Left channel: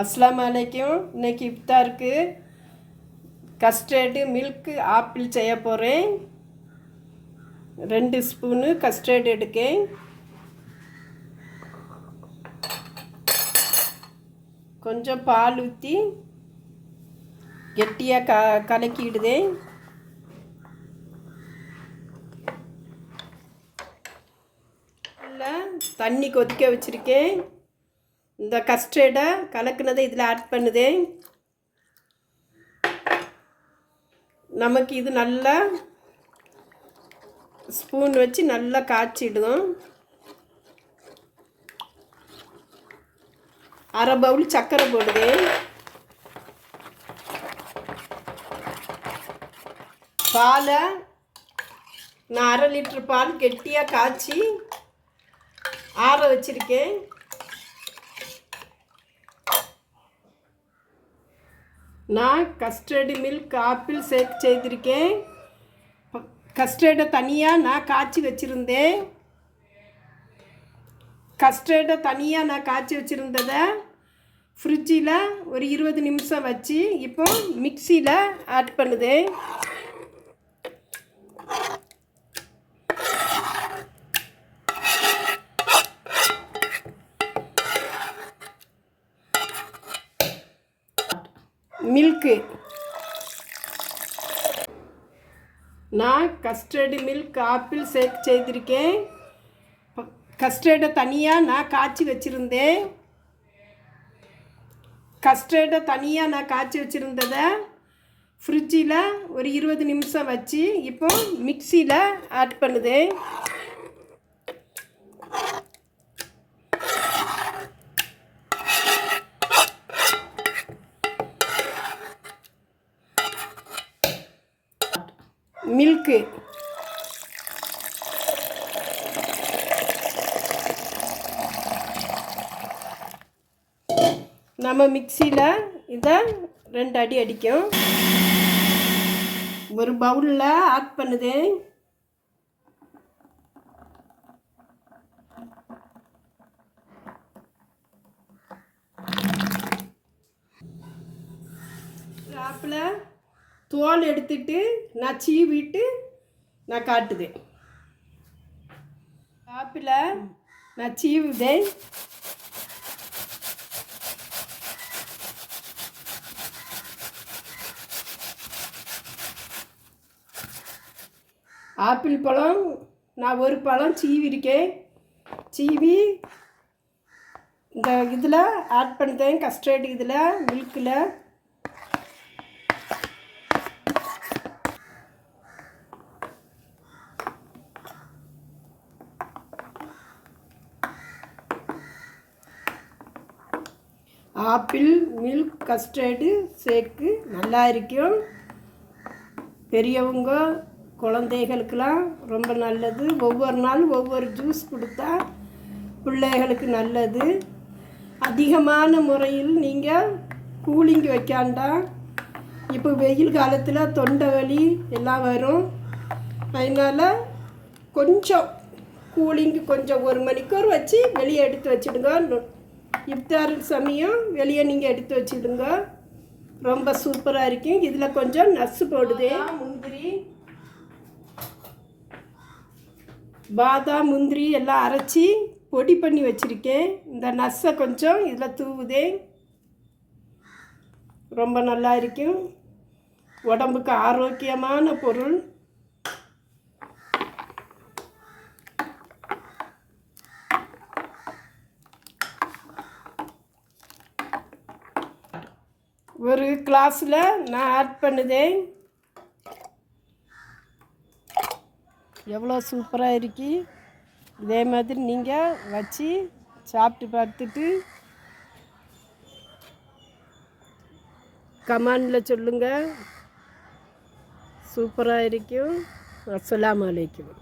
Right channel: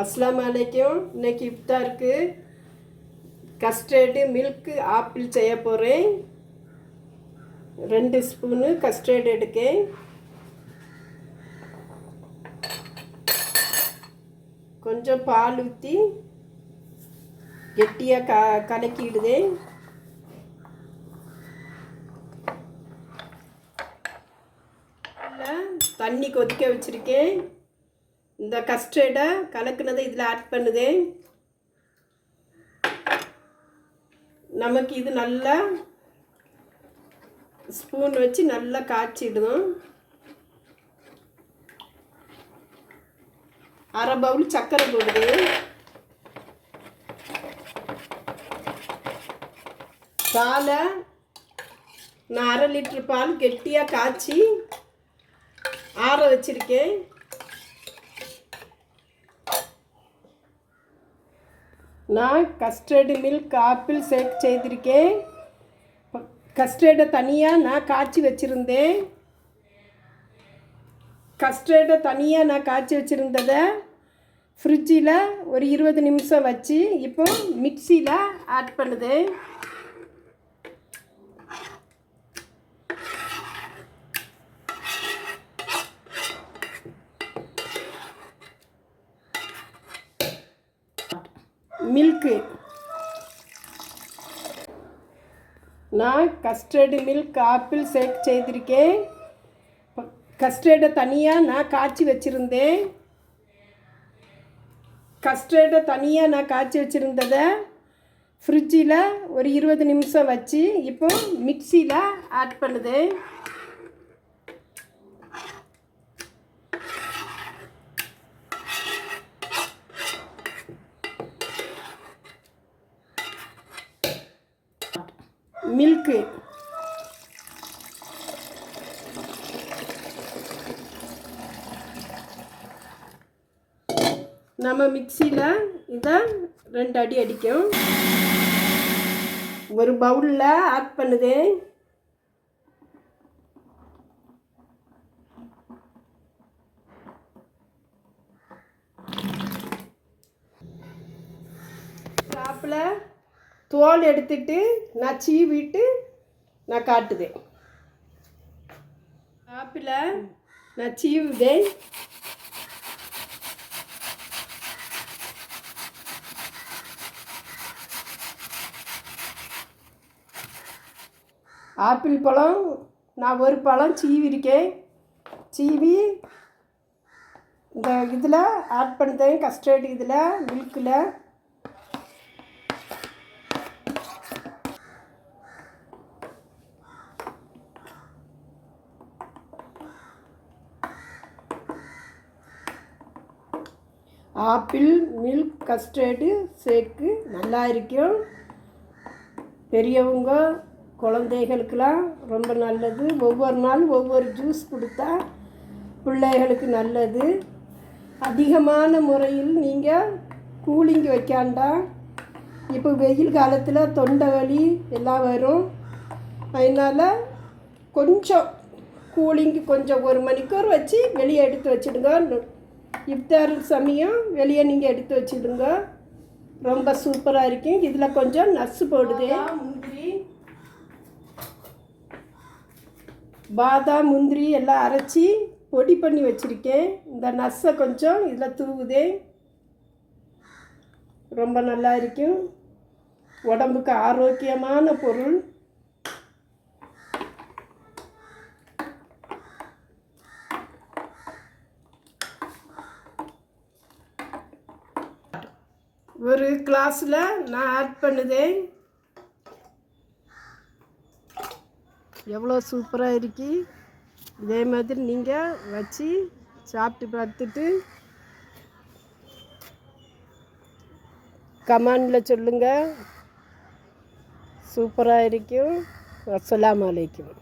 அஸ்ஸலாமு அலைக்கும். இன்னைக்கு இஃப்தாருக்கு கஸ்டர்டு மில்க் ஆப்பிள் செய்ய போகிறேன். 2 ஸ்பூனு கஸ்டர்டு எடுக்கேன். கொஞ்சம் பால் ஊற்றி கெட்டியாக கலக்கிடுதேன். தண்ணி கொதிக்க வச்சுருக்கேன். இந்த கஸ்டர்டை கலக்குனதை இதில் ஆட் பண்ணுதேன். நமக்கு இது நல்லா ஸ்பூன் வச்சு நல்லா காய்ச்சிடுவோம். அரை பவுல் சர்க்கரை போடுவேன். பாலை நான் 1/2 லிட்டர் பால் கெட்டியாக காய்ச்சி ஆற வச்சுருக்கேன். நான் கஸ்டர்டு மில்க் ஆப்பிள் ஷேக் செய்திருக்கேன். கஸ்டர்டை தனியாக நான் காய்ச்சி வச்சுருந்தேன். கஸ்டர்டை தனியாக நான் காய்ச்சி வச்சுருந்ததை ஃப்ரிட்ஜில் ஒரு 20 நிமிஷம் வச்சு இப்போ மிக்சியில் ஆட் பண்ணுதேன். மில்க்கு நான் கஸ்டர்டு மில்க் ஆப்பிள் ஷேக் செய்திருக்கேன். கஸ்டர்டை தனியாக நான் காய்ச்சி வச்சுருந்தேன். கஸ்டர்டை தனியாக நான் காய்ச்சி வச்சுருந்ததை ஃப்ரிட்ஜில் ஒரு 20 நிமிஷம் வச்சு இப்போ மிக்சியில் ஆட் பண்ணுதேன். மில்க்கு நம்ம மிக்சியில் இதை 2 அடி அடிக்கும். ஒரு பவுலில் ஆட் பண்ணுதேன். ஆப்பிள் தோல் எடுத்துட்டு நான் சீவிட்டு நான் காட்டுதேன். ஆப்பிளை நான் சீவுதேன். ஆப்பிள் பழம் நான் ஒரு பழம் சீவிருக்கேன். சீவி இந்த இதில் ஆட் பண்ணிட்டேன். கஸ்டர்டு இதில் மில்கில் ஆப்பிள் மில்க் கஸ்டர்டு ஷேக்கு நல்லா இருக்கும். பெரியவங்க குழந்தைகளுக்கெல்லாம் ரொம்ப நல்லது. ஒவ்வொரு நாள் ஒவ்வொரு ஜூஸ் கொடுத்தா பிள்ளைகளுக்கு நல்லது. அதிகமான முறையில் நீங்கள் கூலிங் வைக்காண்டா. இப்போ வெயில் காலத்தில் தொண்டை வலி எல்லாம் வரும். அதனால் கொஞ்சம் கூலிங்கு கொஞ்சம் 1 மணிக்கூர் வச்சு வெளியே எடுத்து வச்சுடுங்க. இஃப்தார் சமயம் வெளியே நீங்கள் எடுத்து வச்சுடுங்க. ரொம்ப சூப்பராக இருக்கும். இதில் கொஞ்சம் நட்ஸு போடுதே. முந்திரி பாதாம் முந்திரி எல்லாம் அரைச்சி பொடி பண்ணி வச்சுருக்கேன். இந்த நட்ஸை கொஞ்சம் இதில் தூவுதே. ரொம்ப நல்லா இருக்கும். உடம்புக்கு ஆரோக்கியமான பொருள். ஒரு கிளாஸில் நான் ஆட் பண்ணுதேன். எவ்வளோ சூப்பராக இருக்கு. இதே மாதிரி நீங்கள் வச்சு சாப்பிட்டு பார்த்துட்டு கமெண்டில் சொல்லுங்கள். சூப்பராக இருக்கும். அஸ்ஸலாமு அலைக்கும்.